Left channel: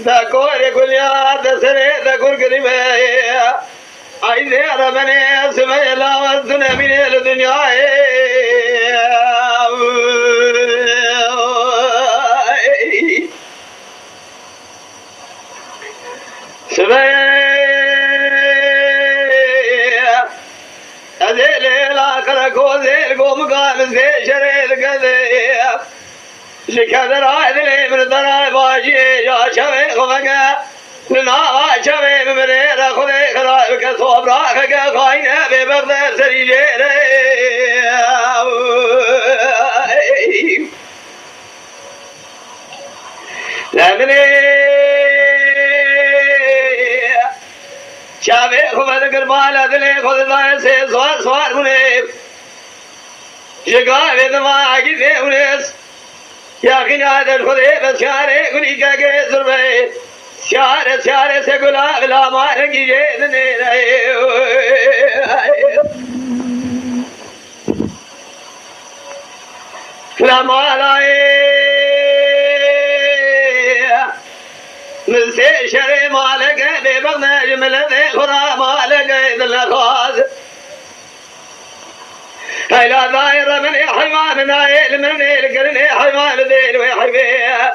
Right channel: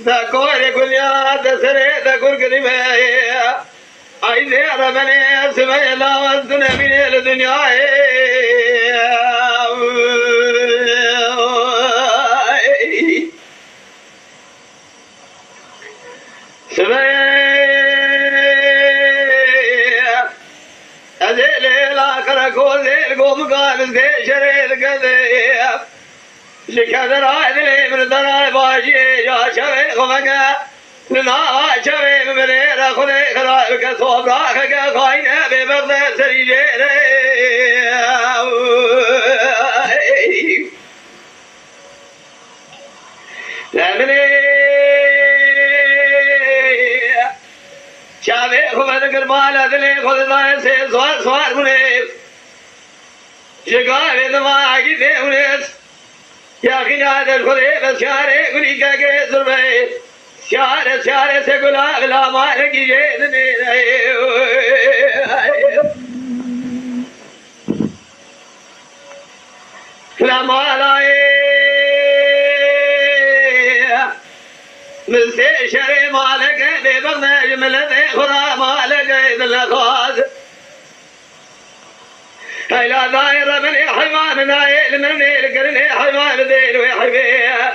دكور كل يا دسرة دكور كريمة عايزة ربنا سمع الله والدنيا من الدنيا سمع أذل لا كركو ذل قوم قام ذل شريد كذا شكر عادل من دراي باجي يا شباب خمجة ننا شباب من رخنة خلا كسب راك كاين ببغد سريجة لمني شباب خمجة كرمال أدلى خدا سے سوار سوار مني شكا بدما عقيد منيس يا خيار الخلي بشارة كلي كجزر بي شارة شارة سكولا بلا ما رجي جنني لا ما لاي من سيشري مالك ببغنا جملة خرا مالك إذن خاز هلا داير من حيوان نايل من القرن حيوان ذيل ويحبيه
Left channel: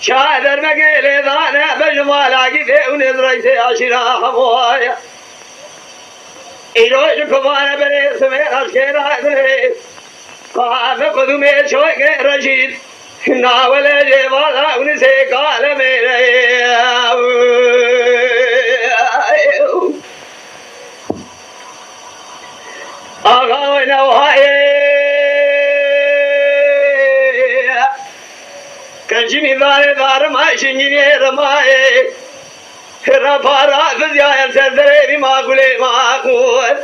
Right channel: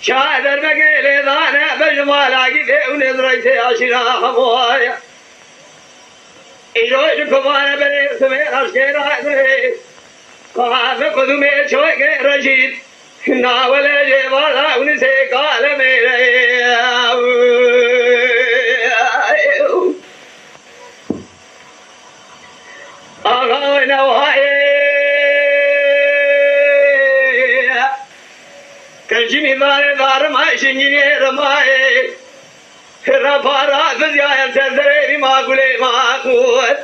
شاد المقيل ضانا بجمال عقيده ونزريته عشرا حموايا إلوش كفانا بني سمير الشيرا قاف قدومي شوق رشيد ناول جبالا ونسي قال ميري أغاونا وهاي كنجمي دار ما شنجي رماي رفارا فزيا يسدري ما قولي ما أقول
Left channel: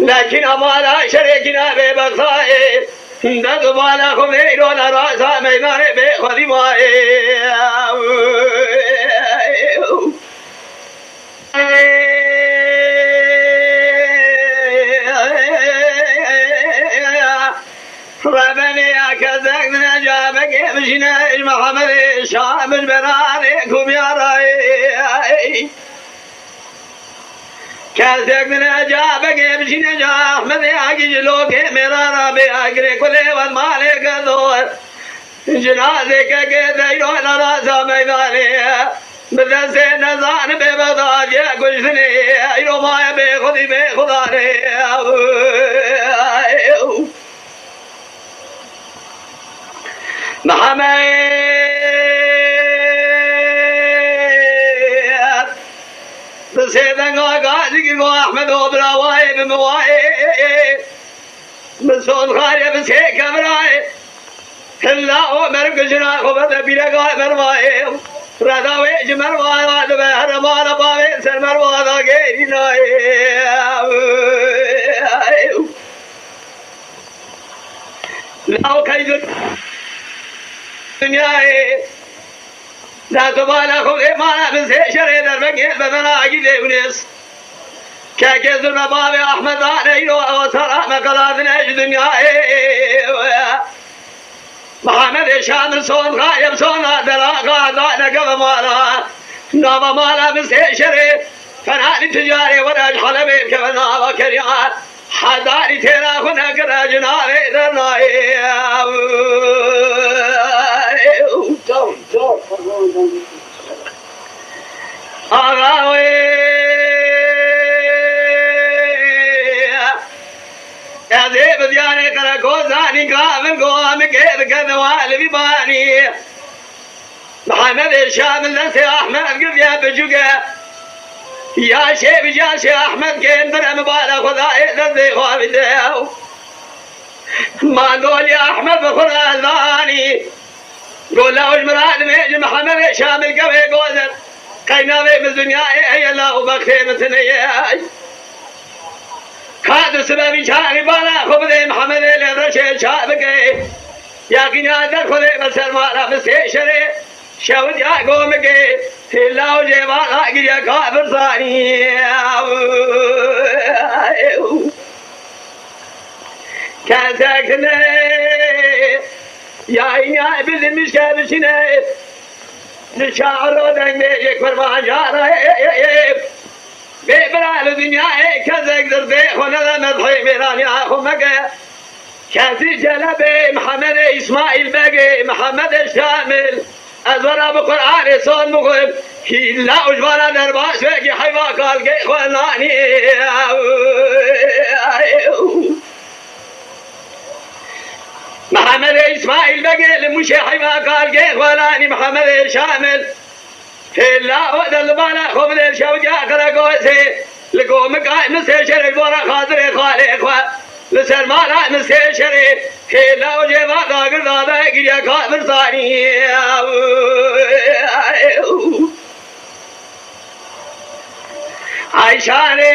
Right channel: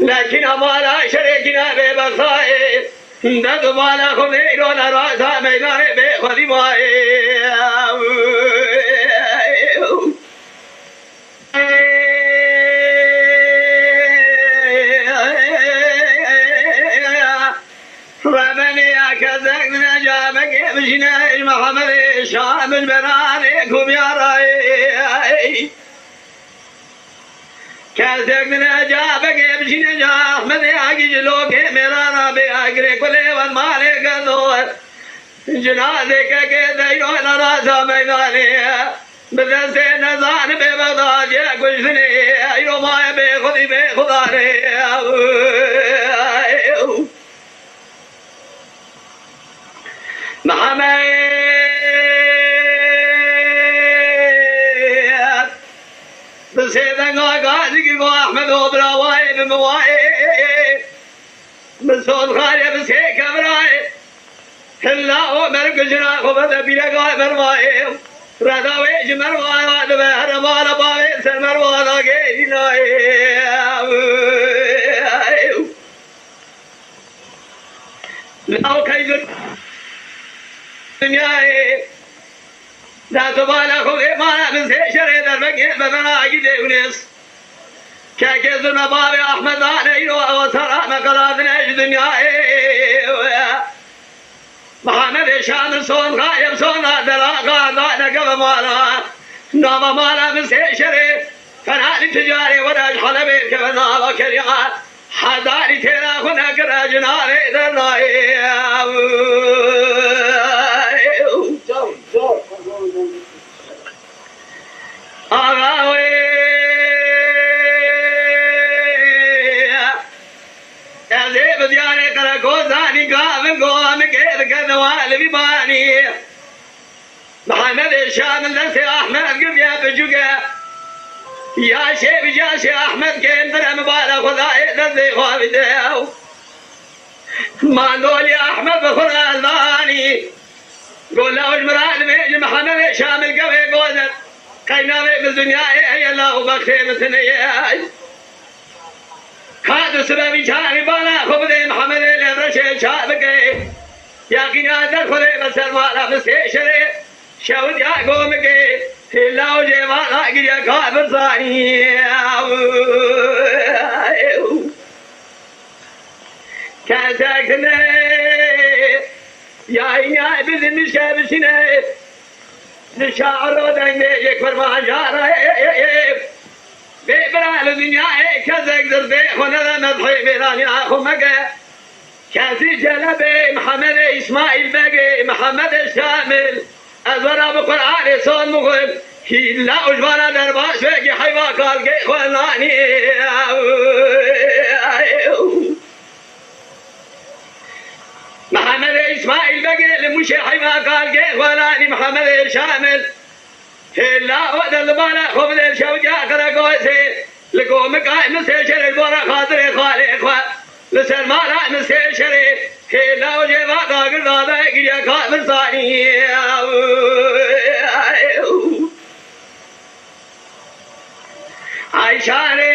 لكن أمالا شريكنا ببخاي دق بالا خميرون راسا ميمان بخذي ماي ربني أكذب من جابك مشينا محمد شام البرانيكم يا راي كذب من جابك مشينا أحمد أجلوك مرارا بأجر كل والمالك الدور جنازك كذا يوم راسا ميداني بدرسة نزان ببغداد يا كشني يوم ما بخذي بخداري محمد بسيدنا قاعدك أحمد وبراواي بمواي بسون خاري بسيك أمراي هلا ومرق جنا خبز بيلقى مرواي رداوي جمروانا دبهر مالا باوي سمروانا غيرناي لو كيد دنياي لا تبالغ خذ ما بسيشر دربك بمنا عقيد ونس كاكزر مبابي أحمد عليلو وصرع مقلابنا دنياي محمد شامل صون غايب صون دراغا ضعنا قبل مالا نوم مالا بسيشر فنادي تجاري وراج حلبي كفنا وكريان حداري تيرا خنا كراجنا ريدناي آغاوي أذيب دياني كركو زاني قامن قوام كيد كذوال بباني محمد الشامل نسي أحمد قريا بجوكا يا شيب يا شي أحمد كيندر مبالغ وذائد الذي خوابده ما نقول يا أحمد بخنا الباني قول له مراد ميج محمد شامل قوي قوزن قينا بالدنيا هي الله وبختين ثنياي كادو سبب شاني بالا خبز محمد الرشيد شابك يا قينا دخل بسر مالا بسيشري شود يا قومك إلا وجبانا يا كافر ثاني كان ساكنه يا عيني بزمش كابشنا نشعر دنگ یک فرمان جاره ببرال الدنيا كذا درده خونه مدحي بيراني اخو مگه كاتي جلبي محمد اسماعيل بقي محمد الشامل ازورا بقرآن صون مغرب كلا اجبارا درباس بقي حيوا قال قي خلاني محمد اسماعيل بقي لمشي حيوا قال قي خلاني محمد الشامل كلا وقت البالا خبل الشوجة كراكوسي لقوم قائم مستشر البورا خاطري خالي اخوة لسر مالا مستشري كلا وجبا قاقر دادا قريا خاطر صاني عيشاني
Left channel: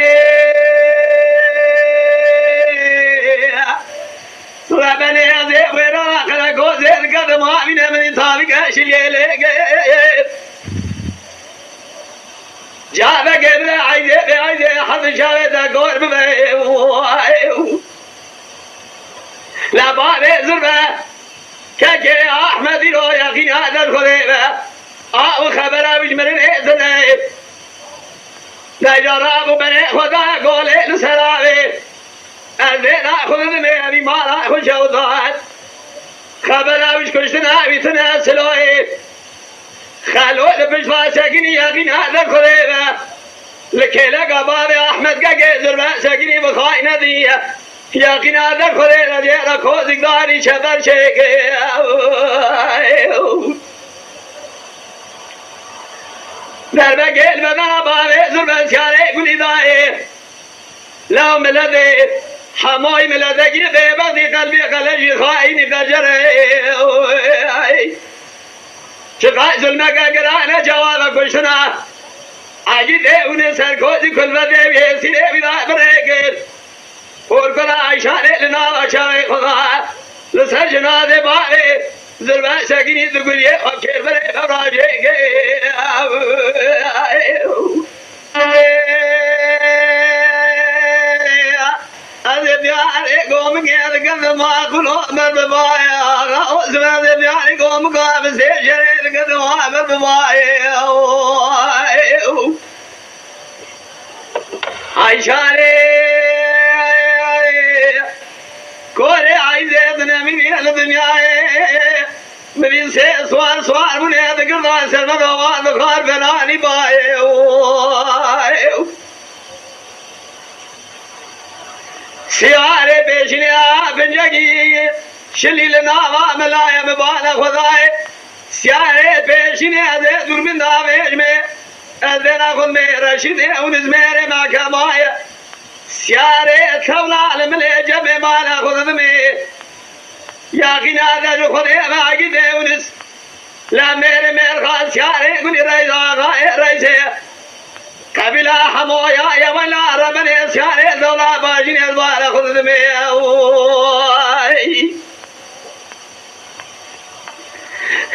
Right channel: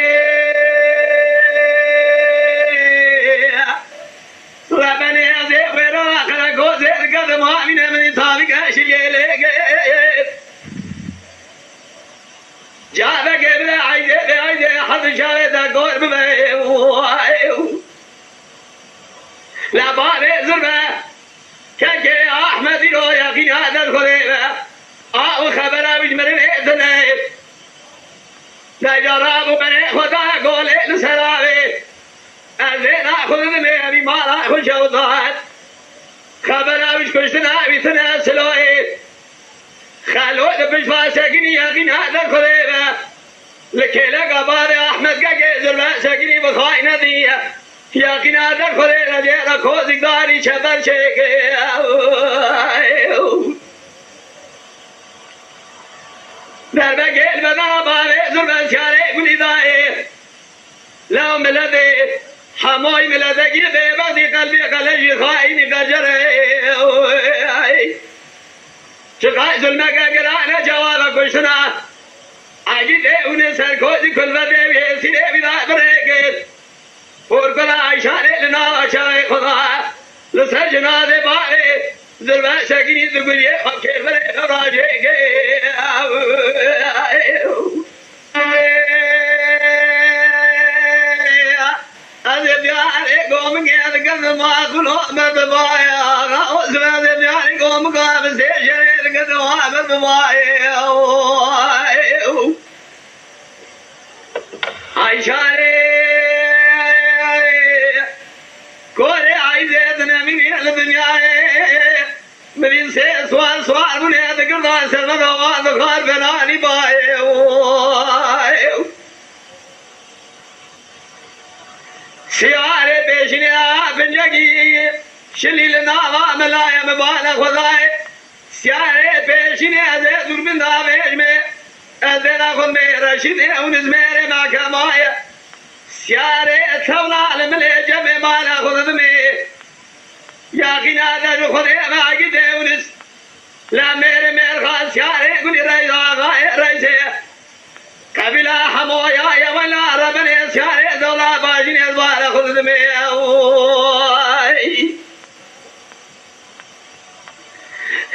ربني عزيب غيرا كراكوسي القدم وامنا من طابق اشري لك جاب قبل عيدي حظ شاهد قول بمي لا باري زربة كاكي احمد رو يقين هذا الخليبة او خبره بجمر الاذن لا جراب بني خدا قول لسرابي الزين اخذ بمي ما راح شوضات خبره بجكشتنا بيتنا سلوي خلوه بجلا ساقني يقين هذا الخليبة لكيلا قبار احمد قاقي زربا ساقني بخاينة دي يقين هذا الخليبة جيرا كوزك داري شبر شيكي دربا قيل بدا باري زربا سياري قولي داي لو ملدي حموي ملدي قيدي بغدي قلبي قلجي خايني قجري شفاء ظلمك قرانا جوابك وشنا عجيد ونسر كوزي كل بدي بيسيري بدا بريقل ورقنا عيشاني لنا عشاي خدا لسر جنازي باقي ظلمة ساقيني تقولي وكير بري فراجيك أذب يعني قوم قيد قد ما كلو مببايا أذب يعني قوم قام سيشري قد ما مببايا عيشاني كوري عايزتنا من الدنيا من سوال سوال من هذا قرضان سلمة وعد خار بلاني باي سيارة بيشنيا بنجي شلي لنا ملايا مبانا خداي سيارة بيشنيا ذي دور من دابيج مي أذنا خد مي رشيدي ونزميري مع كمايا سيارة ثولا لملي جمي مانا خد مي ياقين هذا خدي ما قدي ونس لا ميري مير خال سيارة قولي ريسي قبلا حمويا يا ولا ربني سيارة ثولا باجيني البارة خد مي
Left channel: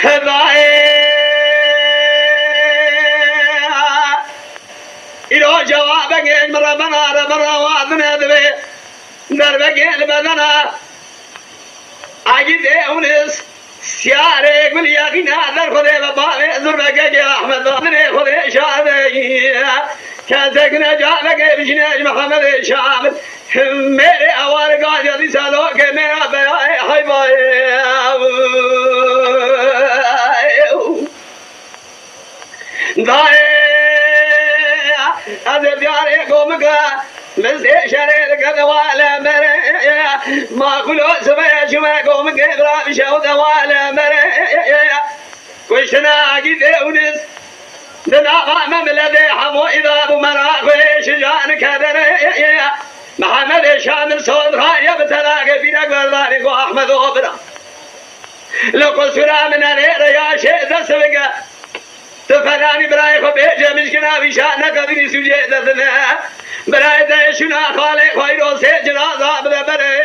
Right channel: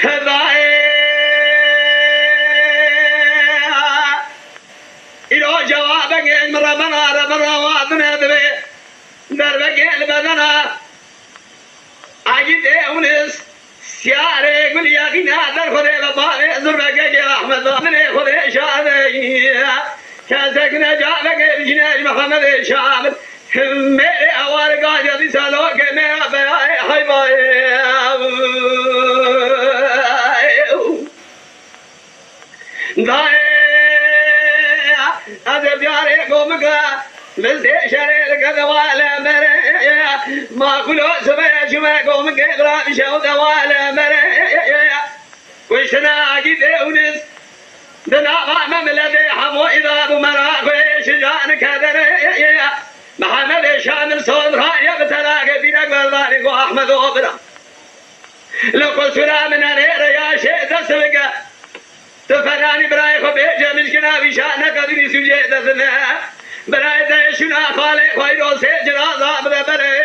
خداي إلو جوابك ربنا وعدنا ذبي دربك البدنا عجيد أونس سيارة قل يا قنا در خذي بابا زربك يا أحمد من خذي شادي كاسكنا جابك بجناج محمد الشامل मेरे आवार का जल्दी सालों के मेरा बेहाय हाय बाय दाए अदे प्यारे गोमका मिलते शरीर का दवाला मेरे माँ कुलो समय शुमे गोमके बरा विशाल दवाला मेरे कुछ ना आगे दे उन्हें दनावा में मिला दे हमो इधर बुमरा खुश जान कदरे محمد شامل صوم راية بتلاقى بينا قرضاني قو أحمد وبرا لو قلت لا من أنير يا شيء تسبق تفراني براي خبيجة مشكنا بشأنك قدري سجيدة ذنا براي ذا شنا خالي خيرو سيجنا ضابط بري